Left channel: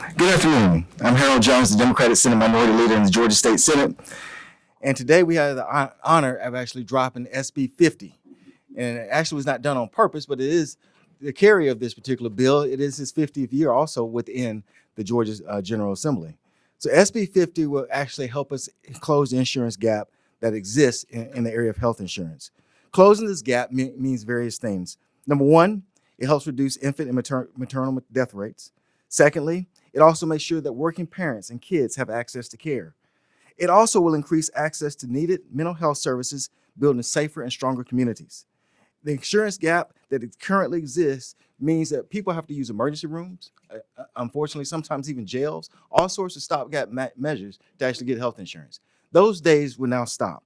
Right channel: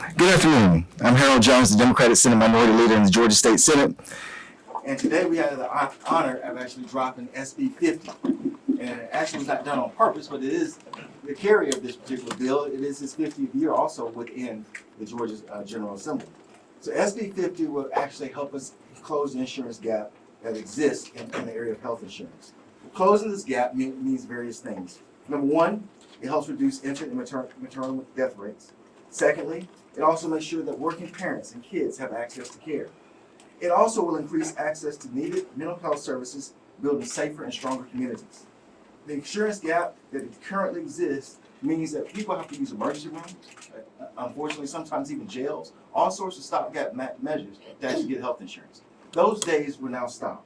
Good afternoon. I'm Harold Jones, the Democratic Senate Minority Leader in the Georgia State Senate. And today we have the honor of actually dropping SB 50. And it actually was not done on purpose, but it is the carrier of this particular bill. It is his 50th year also within the Georgia General Assembly. So SB 50 will actually help us close the insurance gap that exists in the area of health insurance. Closing this gap means various things. Number one, it helps reduce infant and maternal death rates. Secondly, it also makes sure that working parents and kids have access to care. It also will increase access to needed mental health services, building safer and stronger communities. The insurance gap that currently exists means that people have to use emergency rooms, unfortunately, sometimes even jails, all sorts of stopgap measures to actually get health insurance. Those days will now stop.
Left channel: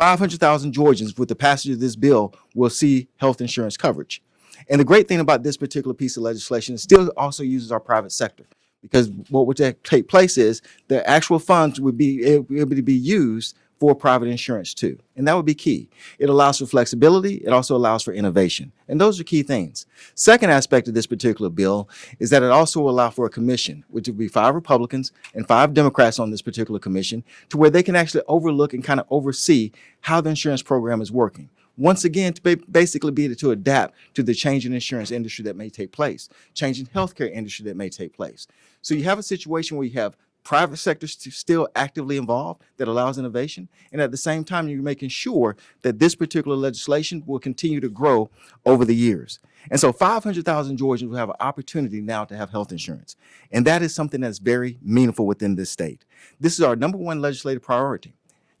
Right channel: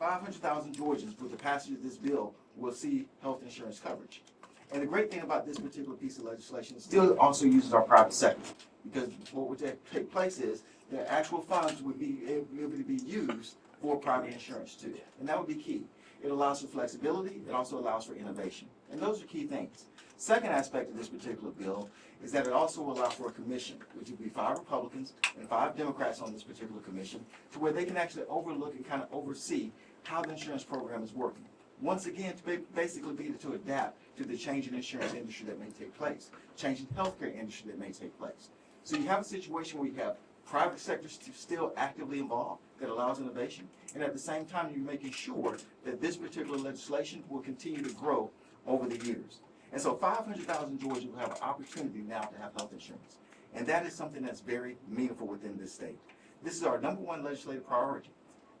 500,000 Georgians with the passage of this bill will see health insurance coverage. And the great thing about this particular piece of legislation is still also uses our private sector, because what would take place is the actual funds would be able to be used for private insurance too. And that would be key. It allows for flexibility. It also allows for innovation. And those are key things. Second aspect of this particular bill is that it also will allow for a commission, which would be 5 Republicans and 5 Democrats on this particular commission, to where they can actually overlook and kind of oversee how the insurance program is working. Once again, to basically be able to adapt to the changing insurance industry that may take place, changing healthcare industry that may take place. So you have a situation where you have private sector still actively involved that allows innovation, and at the same time you're making sure that this particular legislation will continue to grow over the years. And so 500,000 Georgians will have an opportunity now to have health insurance, and that is something that's very meaningful within this state. This is our #1 legislative priority.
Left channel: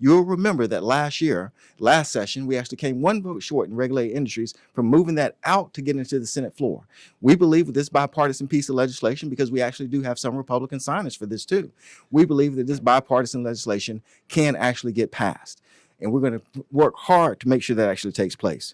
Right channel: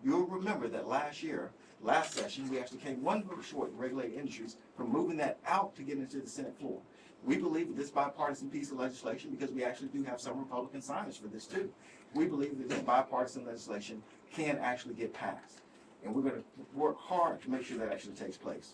You'll remember that last session, we actually came one vote short in regulated industries from moving that out to get into the Senate floor. We believe with this bipartisan piece of legislation, because we actually do have some Republican signage for this too, we believe that this bipartisan legislation can actually get passed. And we're going to work hard to make sure that actually takes place.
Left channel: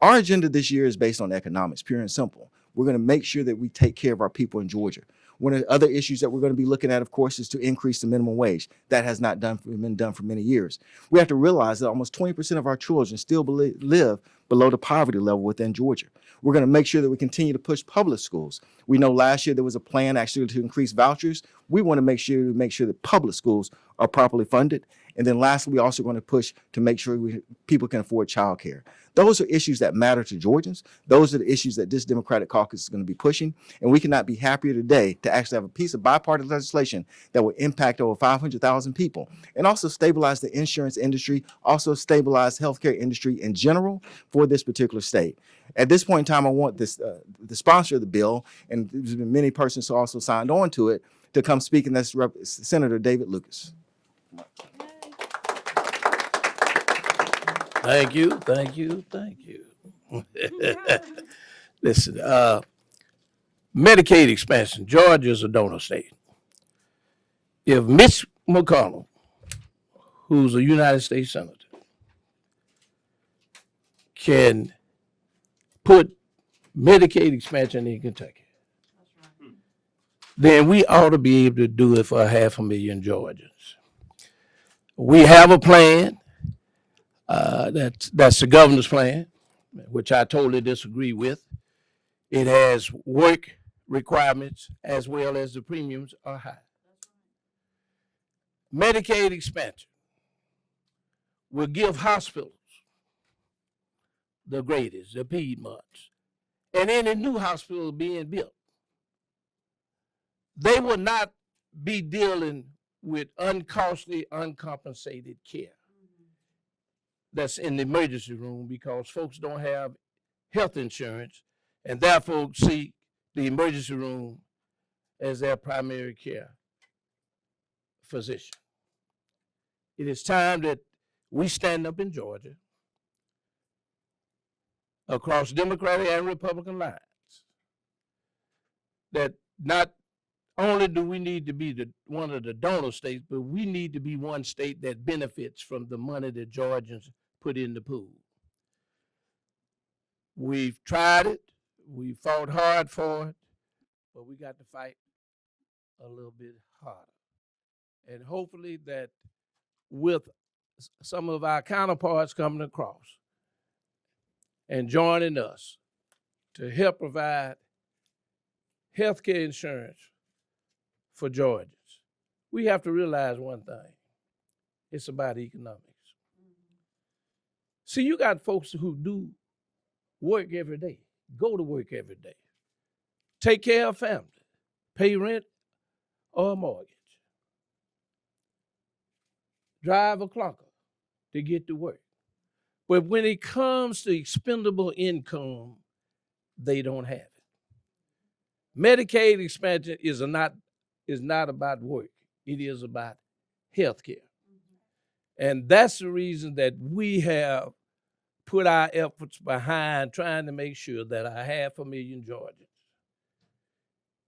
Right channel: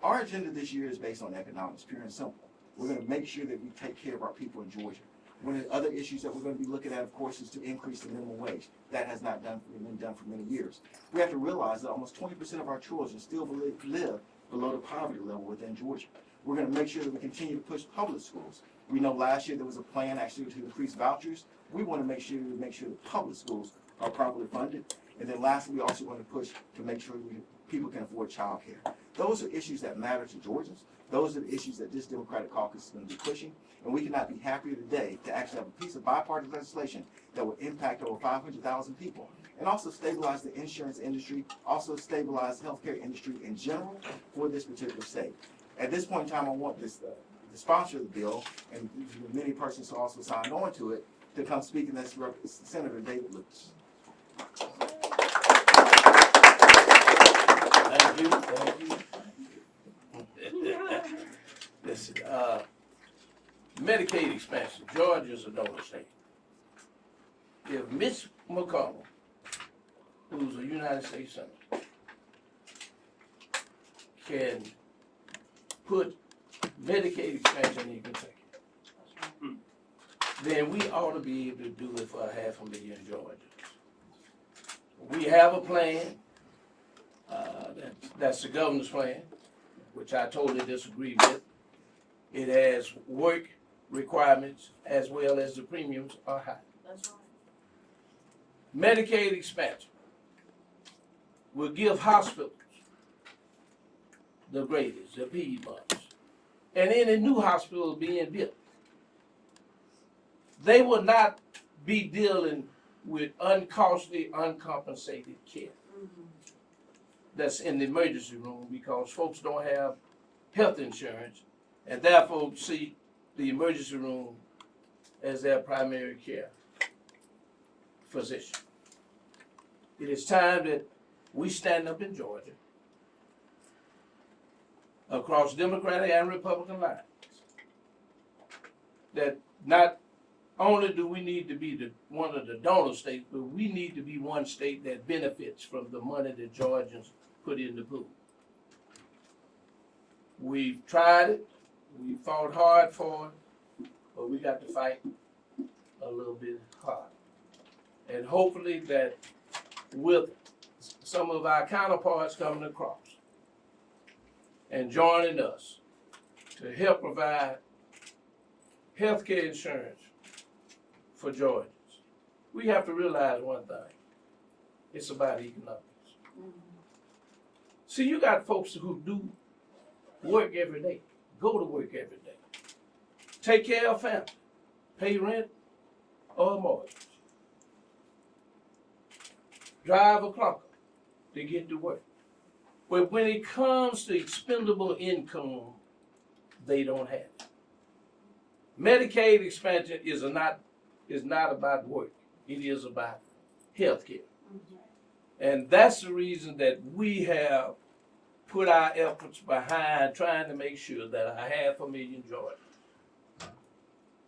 Our agenda this year is based on economics, pure and simple. We're going to make sure that we take care of our people in Georgia. One of the other issues that we're going to be looking at, of course, is to increase the minimum wage. That has not been done for many years. We have to realize that almost 20% of our children still live below the poverty level within Georgia. We're going to make sure that we continue to push public schools. We know last year there was a plan actually to increase vouchers. We want to make sure that public schools are properly funded. And then lastly, we're also going to push to make sure people can afford childcare. Those are issues that matter to Georgians. Those are the issues that this Democratic caucus is going to be pushing. And we cannot be happier today to actually have a piece of bipartisan legislation that will impact over 500,000 people and also stabilize the insurance industry, also stabilize healthcare industry in general for this particular state. At this point in time, I want the sponsor of the bill, and there's been many persons who also signed on to it, to come speak, and that's Senator David Lucas. Thank you. Listen, Medicaid expansion. Georgia is a donor state. If Mitch McConnell, who's a United States Senator, can put Medicaid expansion in Kentucky, then we ought to be able to do it for 500,000 Georgians. We have a plan. That's the governor's plan, which I totally disagree with. It has work requirements as well as the premiums are high. That's right. Medicaid expansion will give hospitals the Grady's, the Piedmonts, and any new hospital being built, they will not be dealing with uncostly, uncompensated care that's in the emergency room, because folks don't have health insurance and therefore see the emergency room as their primary care physician. It is time that we stand up in Georgia across Democratic and Republican lines, that not only do we need to be one of the donor states, but we need to be one state that benefits from the money that Georgians put in the pool. We've tried it, we fought hard for it, but we got to fight a little bit harder. And hopefully that with some of our counterparts coming across and joining us to help provide health care insurance for Georgians. We have to realize one thing. It's about economics. See, you got folks who do work every day, go to work every day, take care of family, pay rent or mortgage, drive a clunker to get to work. But when it comes to expendable income, they don't have it. Medicaid expansion is not about work. It is about health care. And that's the reason that we have put our efforts behind trying to make sure that our 500,000 Georgians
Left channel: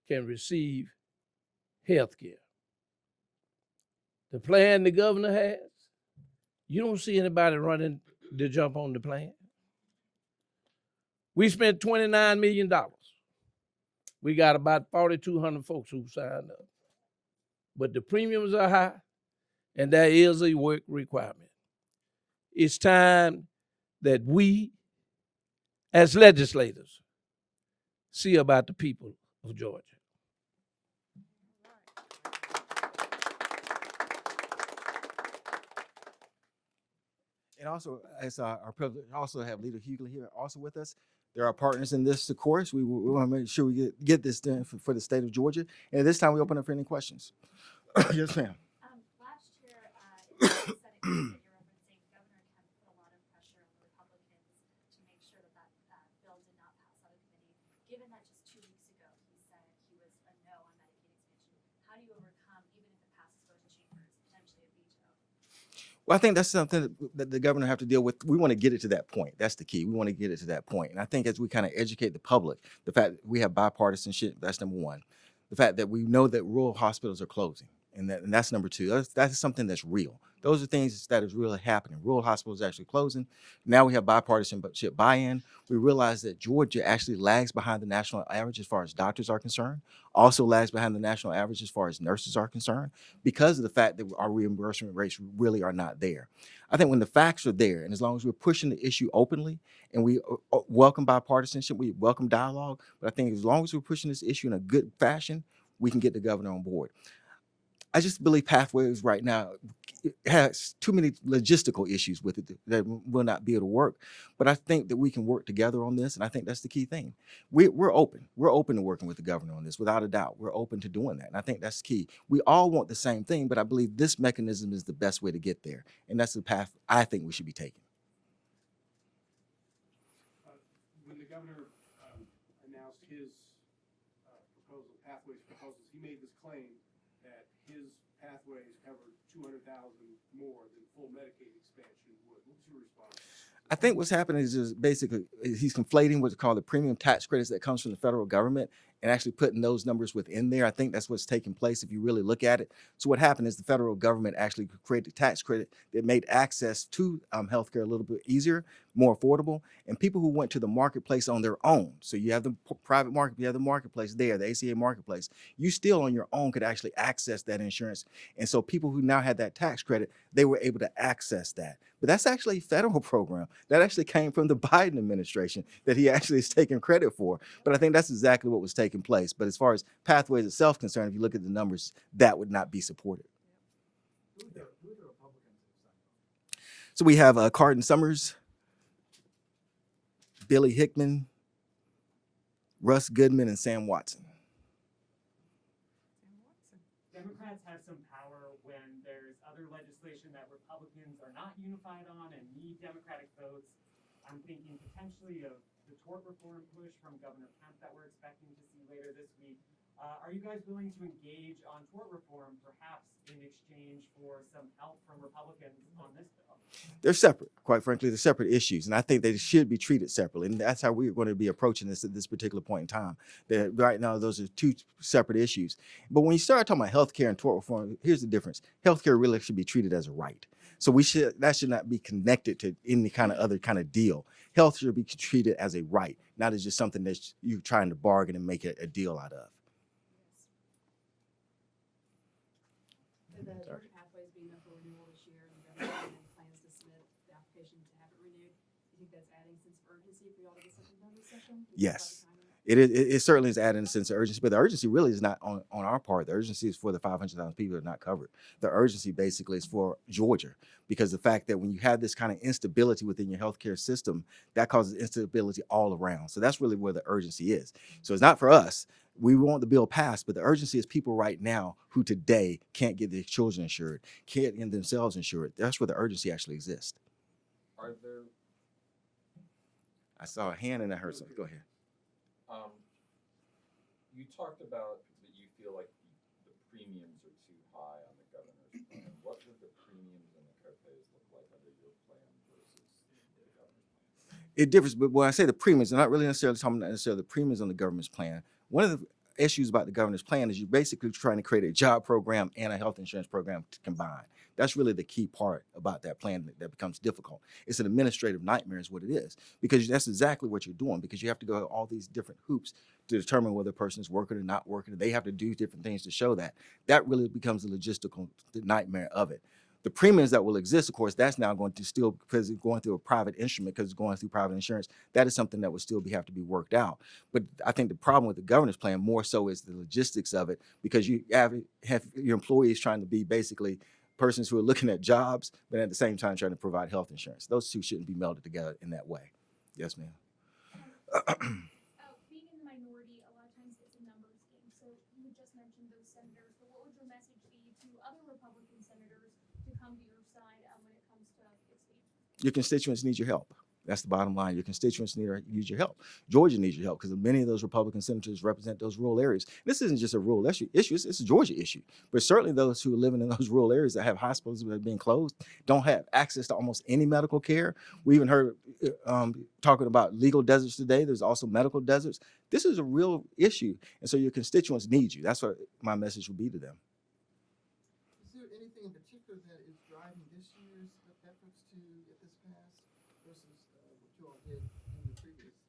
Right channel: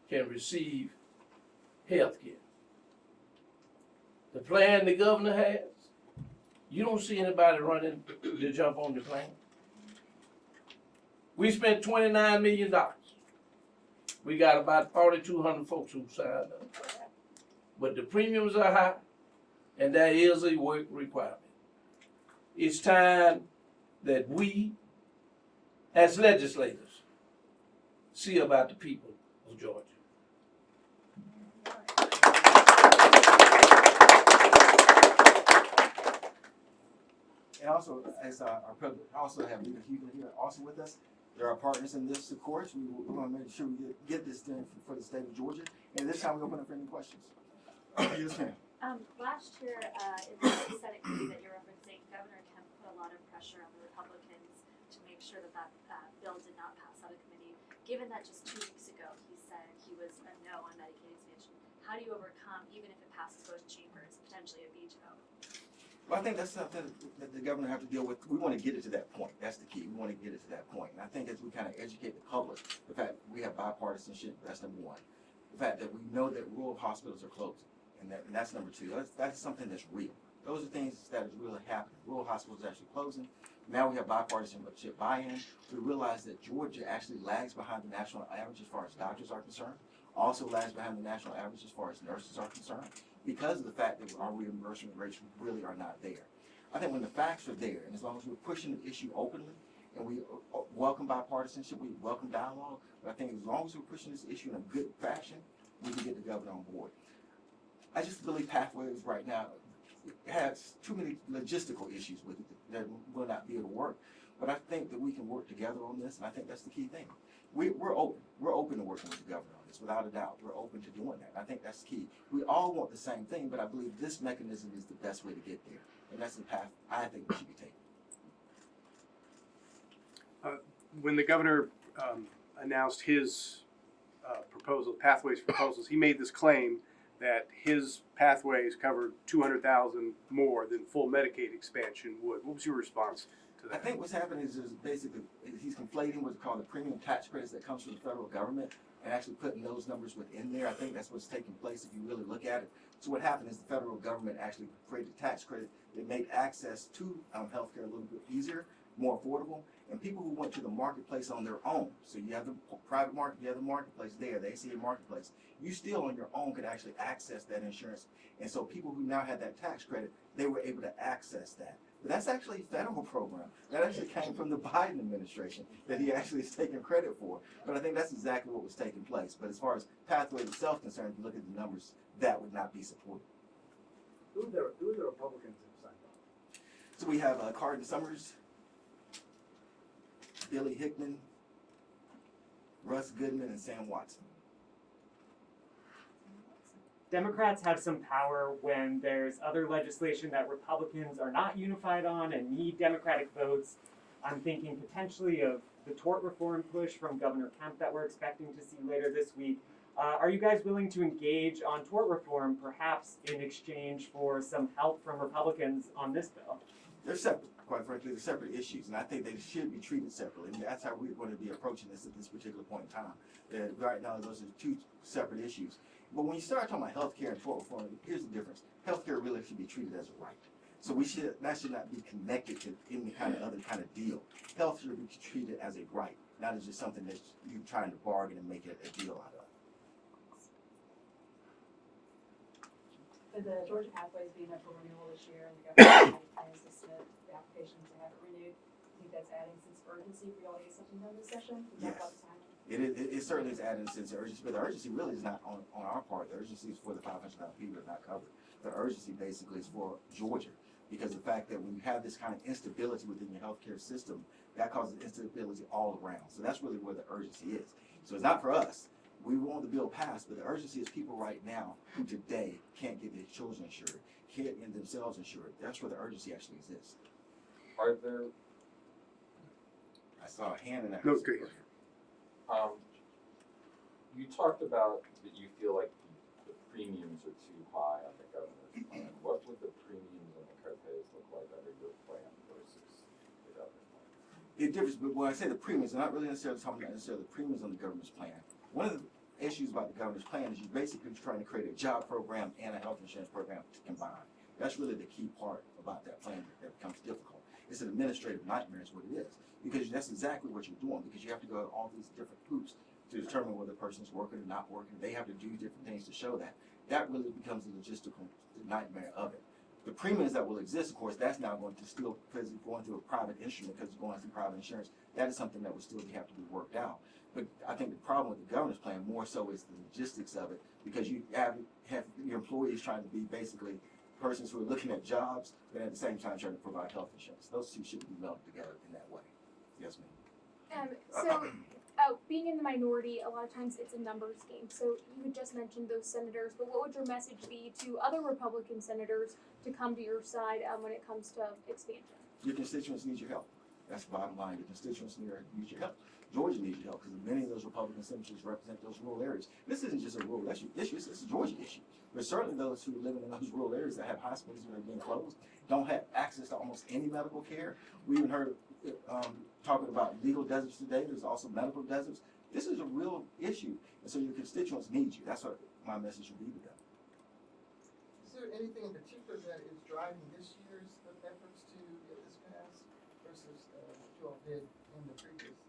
can receive health care. The plan the governor has, you don't see anybody running to jump on the plan. We spent $29 million. We got about 4,200 folks who signed up. But the premiums are high, and there is a work requirement. It's time that we, as legislators, see about the people of Georgia. And also, as our president, also have Leader Hughley here also with us. They're our partners in this, of course. We want to make sure we get this done for the state of Georgia. And this time we open up for any questions. Yes, ma'am. Last year, in the Senate committee that you're referencing, Governor Kemp put a lot of pressure on the Republicans to make sure that bill did not pass out of committee. Given that just 2 weeks ago he said he was a no on Medicaid expansion, how do you overcome, even if it passes both chambers, potentially a veto? Well, I think that's something that the governor have to deal with. We want to get it to that point. That's the key. We want to get it to that point. And I think as we kind of educate the public, the fact that we have bipartisanship, that's number one. The fact that we know that rural hospitals are closing, and that's number two. That's something that's real. Those are things that is really happening. Rural hospitals are actually closing. Now we have bipartisanship buy-in. We realize that Georgia actually lags behind the national average as far as doctors are concerned, also lags behind the national average as far as nurses are concerned, because of the fact that our reimbursement rates really are not there. I think when the facts are there, and as long as we're pushing the issue openly, and we welcome bipartisanship, we welcome dialogue, but I think as long as we're pushing this issue in a good fashion, we can get the governor on board. I just believe Pathways right now has too many logistical issues with it that will not be able to work. But I think that we can work together on this, and I think that's the key thing. We're open. We're open to working with the governor on this, without a doubt. We're open to doing that, and I think that's key. We all want the same thing, but I believe this mechanism is the best way to get there, and that's the path I think we should be taking. When the governor announced his Pathways proposals, he made this claim that his pathways covered 200,000 more than full Medicaid expansion would. What was your response to that? I think what's happening is just basically he's conflating what's called the premium tax credits that comes from the federal government and actually putting those numbers within there. I think that's what's taking place if you really look at it. So what happened is the federal government actually created a tax credit that made access to healthcare a little bit easier, more affordable, and people who went to the marketplace on their own. So you have the private market, you have the marketplace there, the ACA marketplace. You still on your own could actually access that insurance. And so people who now had that tax credit, they were able to access that. But that's actually a federal program. That actually came from the Biden administration that he actually is taking credit for. But I think that's exactly what was taking place. But as far as Pathways itself concerned, if you look at the numbers, that would not be supported. Who are the Republicans that signed up? So we have Carden Summers, Billy Hickman, Russ Goodman, and Sam Watson. Democrats have some power when there's other legislation that Republicans are not unified on and need Democratic votes. I'm thinking potentially of the tort reform push from Governor Kemp that we're expecting to see later this week. Are you guys willing to engage on tort reform, perhaps in exchange for some help from Republicans on this bill? They're separate, quite frankly. They're separate issues, and I think they should be treated separately. And that's how we're going to be approaching this at this particular point in time. Right now, those are two separate issues. But when you start talking about healthcare and tort reform, here's the difference. Healthcare really should be treated as a right. So that should not be connected to any kind of other kind of deal. Health should be treated as a right, not as just something that you're trying to bargain and make a deal out of. With the Georgia Pathways being up for renewal this year and the government plans to submit the application to have it renewed, I think that's adding sense of urgency for y'all to get something done this session. Yes. It certainly is adding a sense of urgency, but the urgency really is not on our part. The urgency is for the 500,000 people that are not covered. The urgency basically is for Georgia, because the fact that when you have this kind of instability within your healthcare system, that causes instability all around. So that's really where the urgency is. So it's not for us. We want the bill passed, but the urgency is people right now who today can't get their children insured, can't get themselves insured. That's where the urgency actually exists. Are there, I saw a hand in that. Go ahead. you talked about that you feel like the premiums are too high on the governor's plan. What would the premiums and the copays look like under your plan versus the governor's plan? It differs, but when I say the premiums, I'm not really necessarily talking about necessarily the premiums on the government's plan. One of the issues about the governor's plan is you're basically trying to create a job program and a health insurance program to combine. That's really the key part about that plan that becomes difficult. It's an administrative nightmare is what it is, because that's exactly what you're doing, because you have to go all these different hoops to determine whether a person is working or not working. They have to do different things to show that. That really becomes the logistical nightmare of it. The premiums that will exist, of course, that's now going to still, because it's going through a private instrument, because it's going through private insurance, that is something that will still have to be worked out. But I think the problem with the governor's plan more so is the logistics of it, because you have your employees trying to be basically persons who are looking at jobs, but at the same time trying to provide health insurance. Those two shouldn't be melded together in that way. Yes, ma'am. Being in the minority, a lot of times it's a numbers game. So you had just mentioned those senators, but what would your message be to other Republican senators to come to your side when it comes to expansion? Your constituents need your help. That's the bottom line. Your constituents need your help. Georgia needs your help, because many of those Republican senators represent those rural areas. This isn't just a rural issue. It's a Georgia issue. But certainly those who are living in those rural areas that have hospitals that are being closed don't have access to almost any medical care. We even heard talking about legal deserts today. There's also medical deserts. This is a real issue. And so your constituents need you. That's what my message would be to them. Is there anything in particular that is driving this year's efforts to get this passed versus what you all did in the previous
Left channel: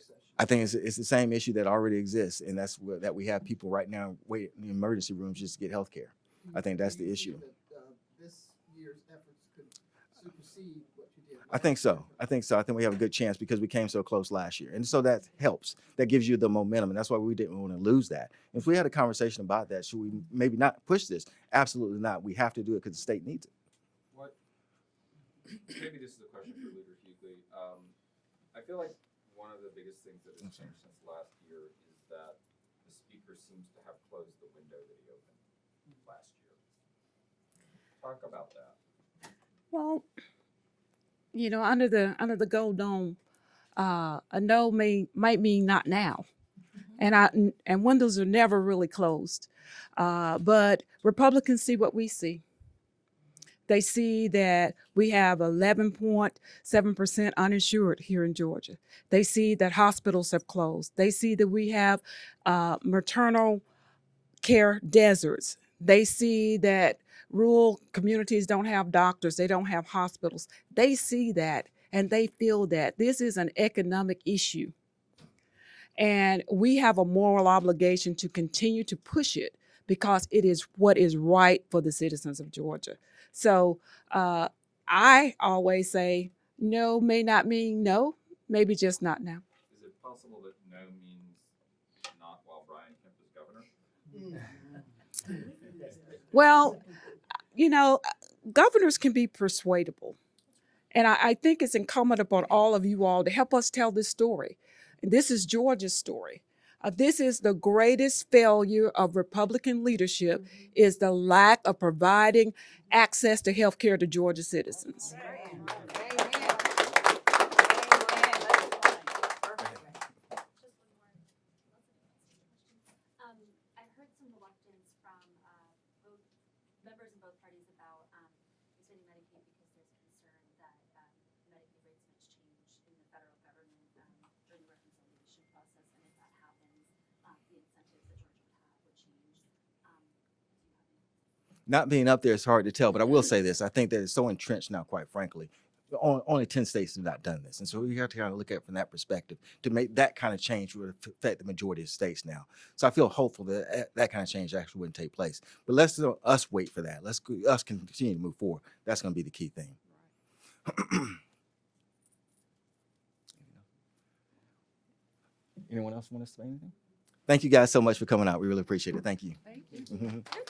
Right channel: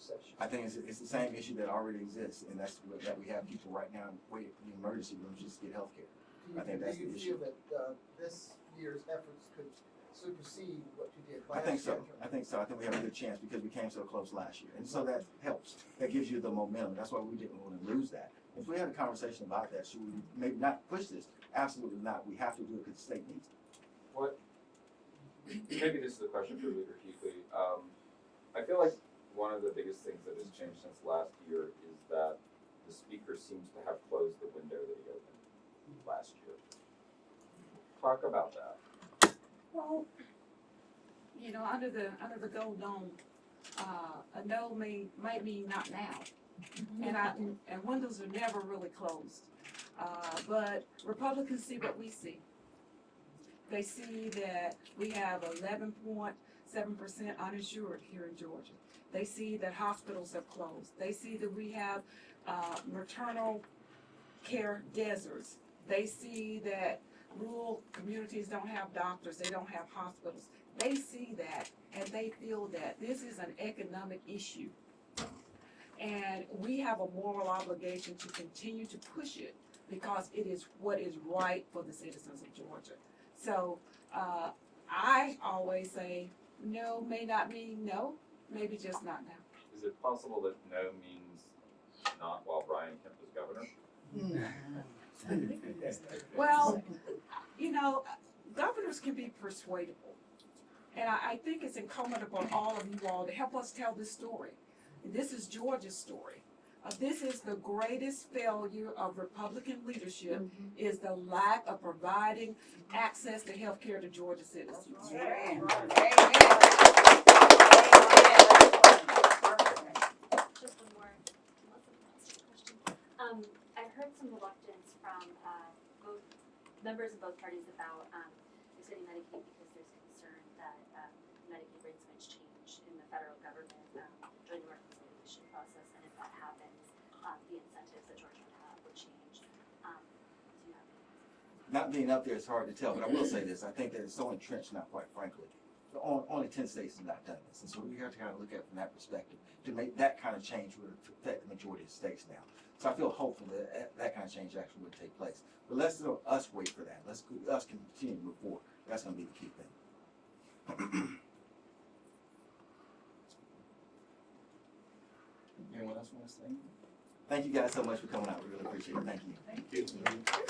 session? I think it's the same issue that already exists, and that's that we have people right now waiting in the emergency rooms just to get health care. I think that's the issue. Do you feel that this year's efforts could supersede what you did last I think so. year? I think so. I think we have a good chance because we came so close last year. And so that helps. That gives you the momentum. And that's why we didn't want to lose that. If we had a conversation about that, should we maybe not push this? Absolutely not. We have to do it because the state needs it. What, maybe this is a question for Leader Hughley. I feel like one of the biggest things that has changed since last year is that the speaker seems to have closed the window that he opened last year. Talk about that. Well, you know, under the gold dome, a no might mean not now, and windows are never really closed. But Republicans see what we see. They see that we have 11.7% uninsured here in Georgia. They see that hospitals have closed. They see that we have maternal care deserts. They see that rural communities don't have doctors, they don't have hospitals. They see that and they feel that this is an economic issue. And we have a moral obligation to continue to push it because it is what is right for the citizens of Georgia. So I always say no may not mean no, maybe just not now. Is it possible that no means not while Brian Kemp is governor? Well, you know, governors can be persuadable. And I think it's incumbent upon all of you all to help us tell this story. And this is Georgia's story. This is the greatest failure of Republican leadership is the lack of providing access to health care to Georgia citizens. Just one more question. I heard some reluctance from both members of both parties about extending Medicaid because there's concern that Medicaid rates might change in the federal government during the reconciliation process, and if that happens, the incentives that Georgia would change. Do you have any? Not being up there is hard to tell, but I will say this. I think that it's so entrenched now, quite frankly. Only 10 states have not done this. And so we have to kind of look at it from that perspective to make that kind of change would affect the majority of states now. So I feel hopeful that that kind of change actually wouldn't take place. But let's us wait for that. Let's us continue to move forward. That's going to be the key thing. Anyone else want to say anything? Thank you guys so much for coming out. We really appreciate it. Thank you. Thank you. Mhm.